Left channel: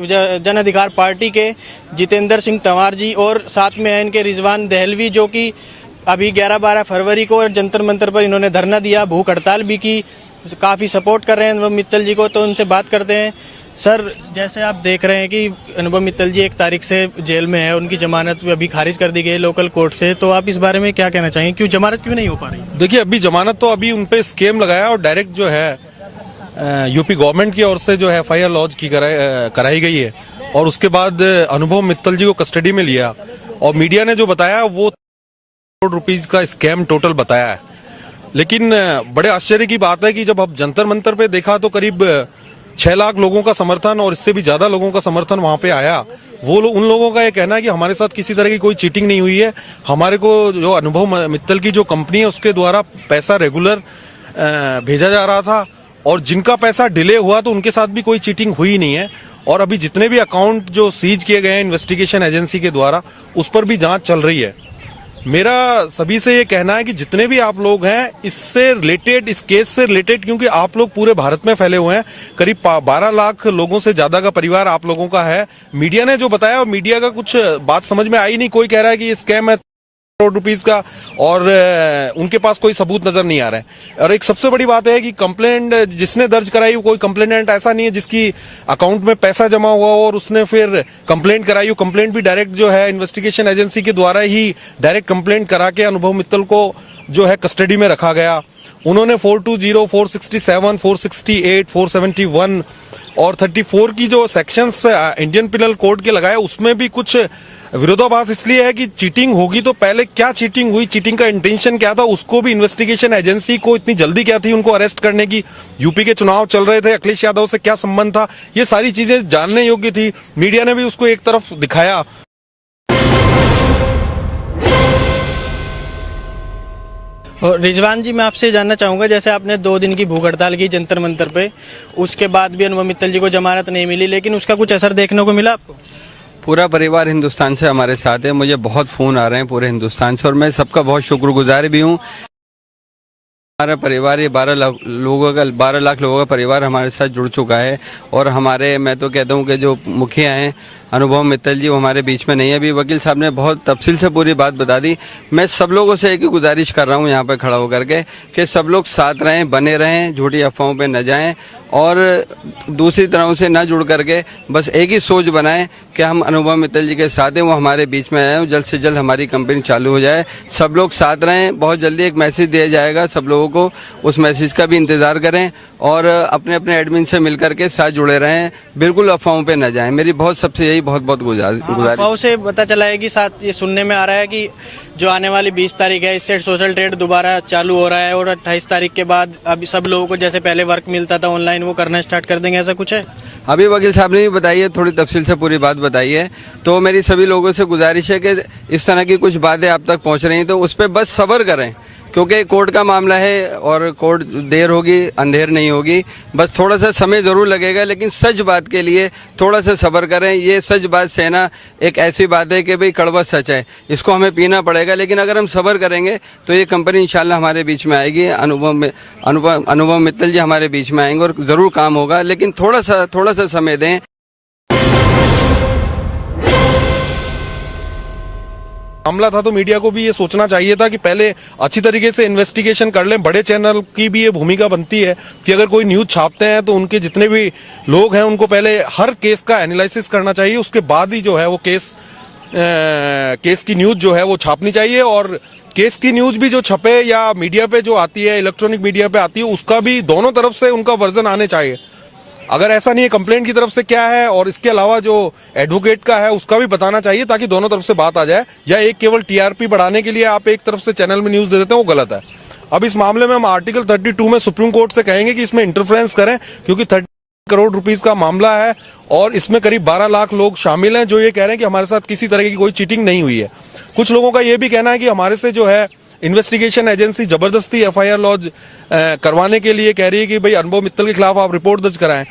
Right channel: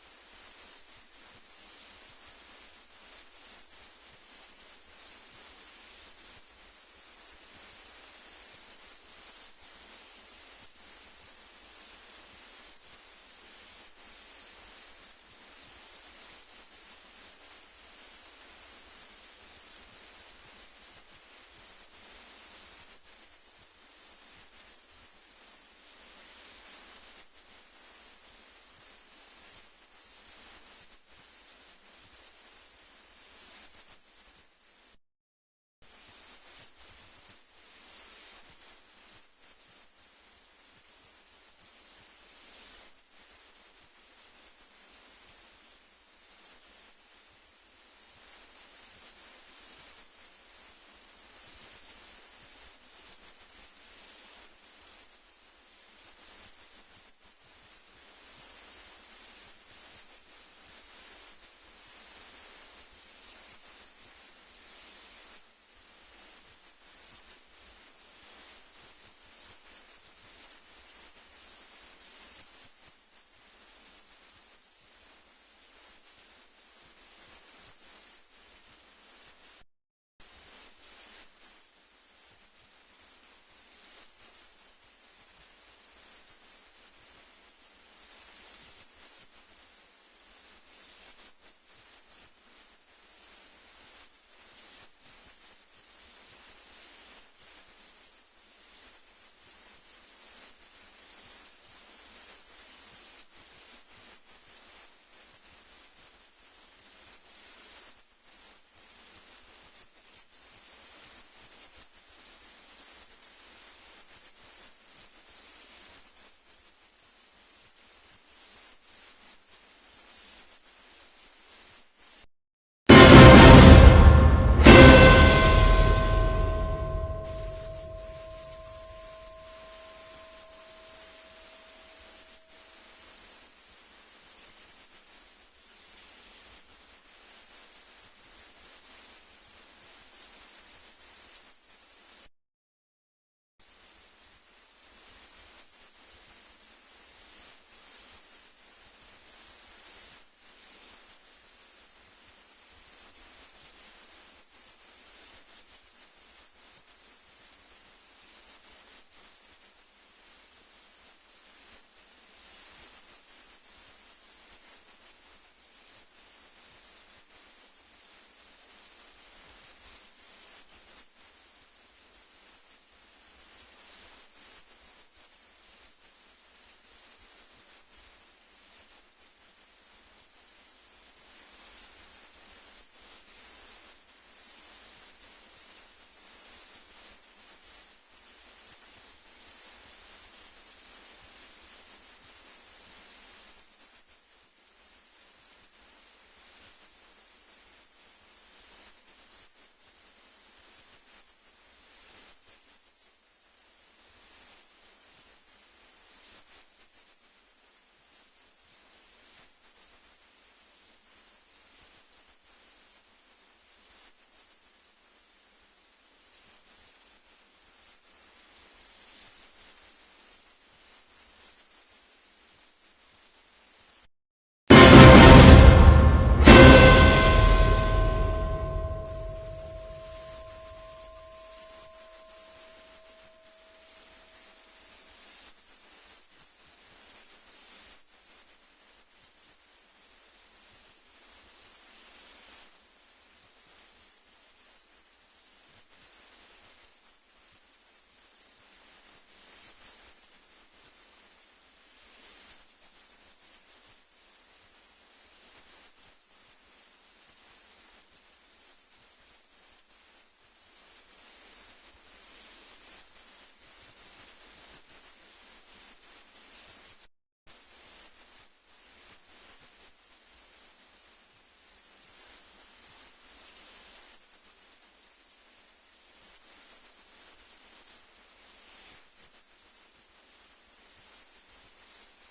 जन अधिकार पार्टी के जितेंद्र सिंह तंवर जी और साथ में है इनके रिजवान दहलवी, जो कि अभी 11-12 फरवरी को जंतर मंतर पर इन्होंने धरना दिया, भूख हड़ताल भी की, काफ़ी सपोर्ट कर रहे हैं अनुभव मित्तल जी को। तो उनसे बात करते हैं। सर, जैसे आप देख रहे हैं कि अनुभव मित्तल जी 1 तारीख से जेल में है, उनकी जमानत अभी खारिज कर दी गई लोकल कोर्ट से, तो आप इस बारे में क्या कहना चाहेंगे, क्यों जमानत क्यों नहीं हो पा रही? देखिए, अभी जमानत तो अभी उन पे स्केम लगाया और डायरेक्ट जो है यूपी गवर्नमेंट की ओर से जो है FIR लॉन्च की कराई गई है और उसके बाद अनुभव मित्तल जी को कस्टडी में लिया और मीडिया ने जो बताया वो करोड़ रुपीज का स्कैम टोटल बताया है। लेकिन बड़े आश्चर्य की बात है कि जब अब जंतर मंतर पे देखा तो करीब 6 लाख लोगों का समर्थन और इससे भी ज्यादा लोगों का समर्थन वहां पे आया। उन लोगों का ये कहना है कि हमारे साथ किसी तरह की कोई चीटिंग नहीं हुई है, हमारे को जो अनुभव मित्तल की जो कंपनी है उसके द्वारा पैसा रेगुलर भेजा जा रहा था और जिनका पैसा डिले हुआ तो उनके साथ भी कोई चीटिंग हुई नहीं है। और अभी जितने भी अकाउंट जो सीज किए गए हैं इन्वेस्टिगेशन एजेंसी के द्वारा, उस पर भी जांच चल रही है। मेरा सभी से ये कहना है कि जितने भी आप लोग हैं इससे रिलेटेड, इस केस से रिलेटेड, क्योंकि आप लोग पूरे भारत में फैले हुए हैं, करीब 12 लाख लोगों से ज्यादा का परिवार आप लोगों का है। मीडिया ने जो बताया और मीडिया का कुछ बात समझ में आई नहीं। कोई कह रहा है कि ये स्कैम है करोड़ रुपीस का और उनके पास कोई सबूत नजर नहीं आ रहा है। और एक सबसे बड़ी बात है कि कंप्लेंट जिसने दर्ज कराई, कोई कंप्लेनेंट ऐसा नहीं है जिसकी अकाउंट में पैसा जमा हुआ हो और उसने फिर कंप्लेंट कराई हो। कंप्लेंट भी डायरेक्ट जो है इन्वेस्टिगेशन एजेंसी के द्वारा ही डायरेक्ट कंप्लेंट करा के अनुभव मित्तल को जो है कस्टडी में रखा गया। उन्होंने 420, 467, 468, 471 और 34 की जो सेक्शंस इंडियन पिनल कोड के लगाए, उसमें भी कुछ विरोधाभास इसलिए है कि चीटिंग होगी तो पहले क्या चीटिंग हुई, चीटिंग का इंटेंशन क्या था, उसको भी इन्वेस्टिगेशन एजेंसी को इतनी जल्दी क्या थी उनको अरेस्ट करने की, यूपी के चुनाव चल रहे थे, अखिलेश यादव से क्या संबंध था, ये सारी चीजें जानने योग्य थी। मीडिया ने भी उसको एक तरफ दिखाया। और रिजवान जी, मैं आपसे जानना चाहूंगा, जैसे आपने 2 दिन की भूख हड़ताल की जंतर मंतर पे, उसके बाद भी अनुभव मित्तल जी को जमानत नहीं मिली, लेकिन उसका कुछ असर देखने को मिला आपको? पूरा परिवार हिंदुस्तान से हमारे साथ है, मुझे बहुत फोन आ रहे हैं पूरे हिंदुस्तान से और मैं सबका बहुत शुक्रगुजार भी हूँ। हमारा परिवार ये 12 लाख लोगों का परिवार हमारे साथ जुड़ चुका है और हमारे, मैं तो कहता हूँ कि जो मुखिया हैं अनुभव मित्तल जी, वो हमारे बीच में नहीं है। अभी वकील साहब ने बहुत तफसील से पूरी बात बता दी। मैं सब लोगों से एक ही गुजारिश कर रहा हूँ यहाँ पे खड़ा होकर के कि सब लोग साथ रहें, बने रहें, झूठी अफवाहों पे न जाएं और दूसरी तरह से न जुड़ करके बस एक ही सोच बनाएं कि हम अनुभव मित्तल जी के साथ हैं, वो हमारे बीच में आए, जल्द से जल्द हमारी कंपनी चालू हो जाए। सब लोग साथ रहें। बहुत जल्दी एक मैसेज दिया जाएगा सब लोगों को, उस मैसेज का भी इंतजार करें और अपने अपने एडमिन से मिल करके साथ जुड़े रहें, बिल्कुल अफवाहों पे न जाएं। मेरी बहुत सबसे यही बहुत गुजारिश। अफवाहों से पता चला है कि साथ ये सुनने में आ रहा है कि जो आने वाली 20 तारीख है, इससे सोशल ट्रेड दोबारा चालू हो रहा है और 28 तारीख के बाद अभी सब लोगों को जैसे पहले वर्क मिलता था ऑनलाइन, वो करना स्टार्ट कर देंगे, ऐसा कुछ है? अभी वकील साहब ने भी बताई है, थोड़ी तफसील से पूरी बात बताई है। तो मेरी सभी लोगों से गुजारिश है कि इस तरह की कुछ बातें आप तक पहुंच रही हैं तो उस पर बस सब्र करें, क्योंकि कोर्ट का मामला है और कोर्ट देर होगी अंधेर नहीं होगी, बस थोड़ा सा समय जरूर लगेगा, लेकिन सच बात के लिए थोड़ा सा सब्र करें। ये सच बात सहना एक ऐसी बात है कि भाई कड़वा सच है, इसको हमें पीना पड़ेगा, लेकिन अगर हम सब्र करेंगे तो ये कंपनी इंशाल्लाह हमारे बीच में आएगी, अनुभव मित्तल जी हमारे बीच में आएंगे और जरूर काम होगा, लेकिन थोड़ा सा समय दें। मामला था तो मीडिया को भी ये सोचना चाहिए था कि पहले अच्छी तरीके से इन्वेस्टिगेशन कर लें। बड़े चैनल की भी ये भूमिका बनती है कि अगर कोई न्यूज छापते हैं तो उनके जितने भी लोग हैं उनको पहले हर केस का एनालिसिस करना चाहिए, उसके बाद ही जो है वो केस की न्यूज जो है वो छापनी चाहिए। और केस की न्यूज भी जो छपे या मीडिया पे जो आती है, इलेक्ट्रॉनिक मीडिया पे आती है, उसका भी दोनों तरफ से उनका वर्जन आने चाहिए। अगर ऐसा नहीं है कंप्लेंट की तरफ से क्या है और इसके अलावा जो एडवोकेट का है उसका भी बताना चाहिए, ताकि दोनों तरफ से बात आ जाए। या एक केवल टीआरपी बढ़ाने के लिए आप एक तरफ से चैनल में न्यूज दे देते हैं, वो गलत है। अब इस मामले में हम आर्टिकल 32 में सुप्रीम कोर्ट से कहेंगे कि इसमें इंटरफेरेंस करें, क्योंकि 30 करोड़ रुपीस का मामला है और इसमें करीब 12 लाख लोग शामिल हैं जो ये कह रहे हैं कि हमारे साथ किसी तरह की कोई चीटिंग नहीं हुई है। कुछ लोगों का ये भी कहना है कि हमारे से जो है इन्वेस्टिगेशन एजेंसी जबरदस्ती FIR लॉन्च करवाने के लिए कह रही है कि भाई अनुभव मित्तल के खिलाफ आप रिपोर्ट दर्ज कराएं।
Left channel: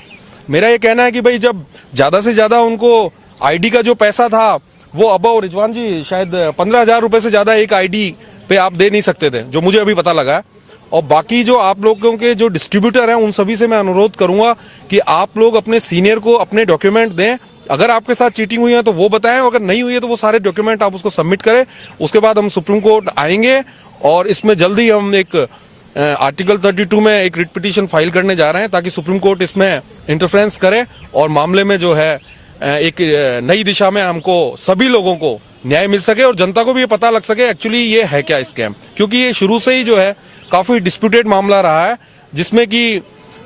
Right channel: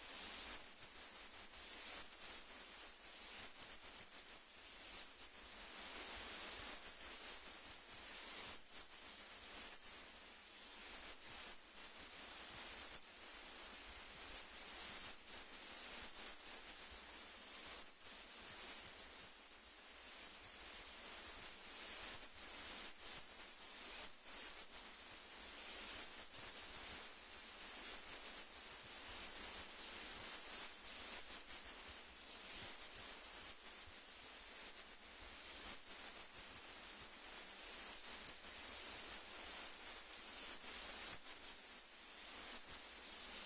मेरा ये कहना है कि भाई जब ज्यादा से ज्यादा उनको आईडी का जो पैसा था वो अब रिजवान जी शायद 15,000 रुपए से ज्यादा एक आईडी पे आप दे नहीं सकते थे, जो मुझे अभी पता लगा है। और बाकी जो आप लोगों के जो डिस्ट्रीब्यूटर हैं उन सभी से मैं अनुरोध करूंगा कि आप लोग अपने सीनियर को अपने डॉक्यूमेंट दें अगर आपके साथ चीटिंग हुई है तो वो बताएं, अगर नहीं हुई है तो वो सारे डॉक्यूमेंट आप उसको सबमिट करें। उसके बाद हम सुप्रीम कोर्ट आएंगे और इसमें जल्दी हम एक आर्टिकल 32 में एक रिट पिटीशन फाइल करने जा रहे हैं ताकि सुप्रीम कोर्ट इसमें इंटरफेरेंस करे और मामले में जो है एक नई दिशा में हमको सभी लोगों को न्याय मिल सके और जनता को भी ये पता लग सके एक्चुअली ये है क्या स्कैम, क्योंकि ये शुरू से ही जो है काफी डिस्प्यूटेड मामला रहा है जिसमें कि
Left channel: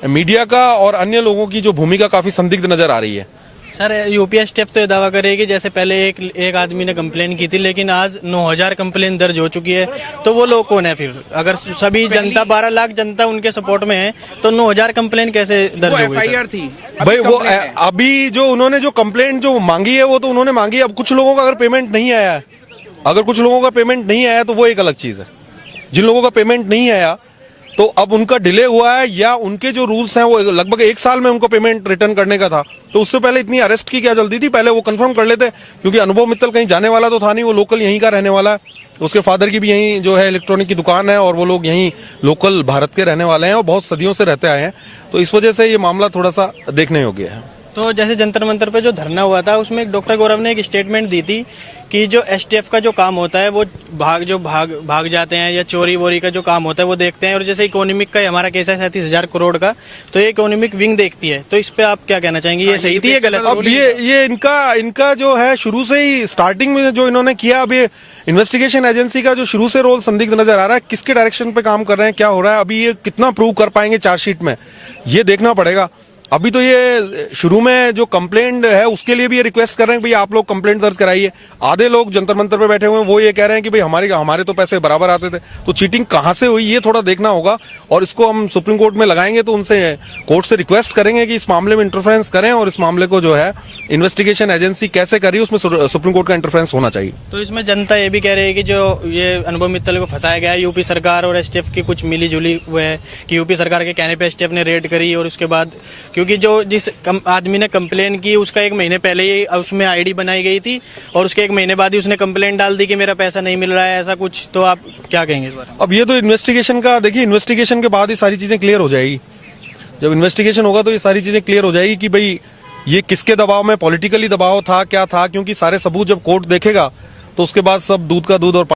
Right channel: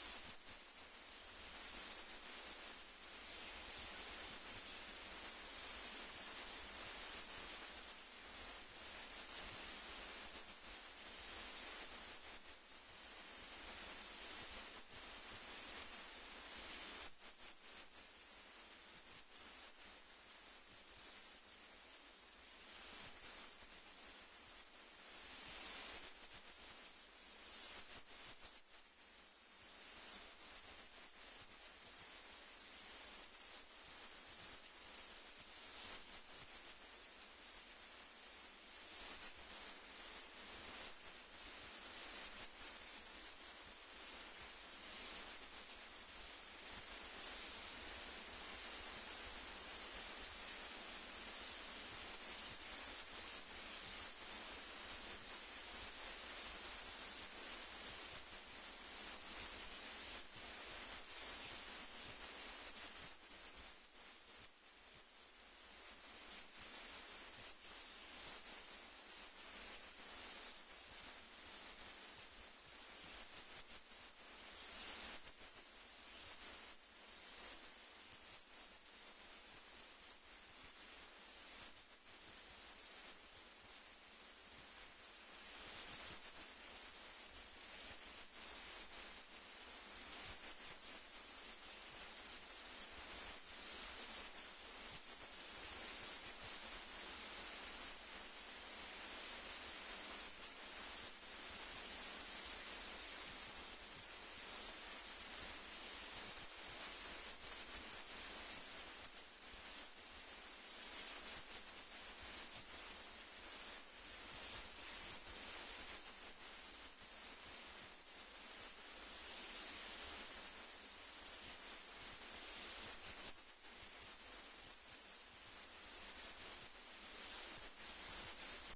मीडिया का और अन्य लोगों की जो भूमिका काफी संदिग्ध नजर आ रही है। सर यूपी एसटीएफ तो ये दावा करेगी जैसे पहले एक आदमी ने कंप्लेन की थी, लेकिन आज 9000 कंप्लेन दर्ज हो चुकी है, तो वो लोग कौन है फिर? अगर सभी जनता 12 लाख जनता उनके सपोर्ट में है तो 9000 कंप्लेन कैसे दर्ज हो गई? एफआईआर थी भाई वो अभी जो उन्होंने जो कंप्लेंट जो मांगी है वो तो उन्होंने मांगी है। अब कुछ लोगों का अगर पेमेंट नहीं आया है, अगर कुछ लोगों का पेमेंट नहीं आया तो वो एक अलग चीज है। जिन लोगों का पेमेंट नहीं आया तो अब उनका डिले हुआ है या उनके जो रूल्स हैं वो लगभग 1 साल में उनको पेमेंट रिटर्न करने का था, तो उससे पहले इतनी अरेस्ट की क्या जल्दी थी? पहले वो कंफर्म कर लेते, क्योंकि अनुभव मित्तल कहीं जाने वाला तो था नहीं, वो लोकल यहीं का रहने वाला है। उसके फादर की भी यहीं जो है इलेक्ट्रॉनिक की दुकान है और वो लोग यहीं लोकल भारत के रहने वाले हैं और बहुत सदियों से रहते आए हैं, तो इस वजह से ये मामला थोड़ा सा देखने योग्य है। तो जैसे जंतर मंतर पे जो धरना हुआ था उसमें डॉक्टर गौरव ने एक स्टेटमेंट दी थी कि जो एसटीएफ का जो काम होता है वो भाग जाते हैं या चोरी वोरी का जो काम होता है वो देखते हैं, और जैसे इकोनॉमिक का हमारा केस है 37,000 करोड़ का, तो ये इकोनॉमिक विंग देखती है। तो इस पे आप क्या कहना चाहेंगे, ये सही थी या गलत? अब ये इनका जो है शुरू से ही स्टार्टिंग में जो इन्होंने किया, अब ये इन्वेस्टिगेशन एजेंसी का जो शुरू से रोल संदिग्ध नजर आ रहा है। किसके डायरेक्शन पे काम कर रहे हैं, क्या हो रहा है, अभी ये कितना प्रूव कर पाएंगे चार्जशीट में, ये देखना पड़ेगा। अभी तो ये शुरू में जो कंप्लेंट है उसके लिए भी ये रिक्वेस्ट कर रहे हैं कि भाई आप लोग कंप्लेंट दर्ज कराइए। आधे लोग जंतर मंतर पे बैठे हुए हैं वो ये कह रहे हैं कि भाई हमारे तो पैसे बराबर आते थे, तो चीटिंग कहां से हुई ये थोड़ा देखना होगा और इसको हम सुप्रीम कोर्ट में लगाएंगे। तो उनसे कोर्ट से रिक्वेस्ट करेंगे कि इस मामले में इंटरफेरेंस करें और इस मामले को जो है इन्वेस्टिगेशन एजेंसी कैसे करी उसमें सुप्रीम कोर्ट का इंटरफेरेंस होना चाहिए। तो इसमें जनता ये भी कह रही है कि जो ये अनुभव मित्तल को फंसाया गया है, यूपी सरकार और एसटीएफ की कुछ मिली जुली हुई है कि यूपी सरकार के कहने पे एसटीएफ ने रेड करी और उसके बाद क्योंकि जो जिस आदमी ने कंप्लेन की उसका 1 महीने पहले ही उसमें आईडी बनाई गई थी और उसके 1 महीने बाद ही उसने कंप्लेन डाल दी कि मेरा पैसा नहीं मिल रहा है, ऐसा कुछ। तो आप क्या कहेंगे इस बारे में? अब ये तो इन्वेस्टिगेशन का देखिए, इन्वेस्टिगेशन के बाद ही सारी चीजें क्लियर हो जाएगी। जब इन्वेस्टिगेशन होगा तो ये सारी चीजें क्लियर हो जाएगी कि भाई ये किसके दबाव में, पॉलिटिकली दबाव था क्या था, क्योंकि सारे सबूत जब कोर्ट देखेगा तो उसके बाद सब दूध का दूध और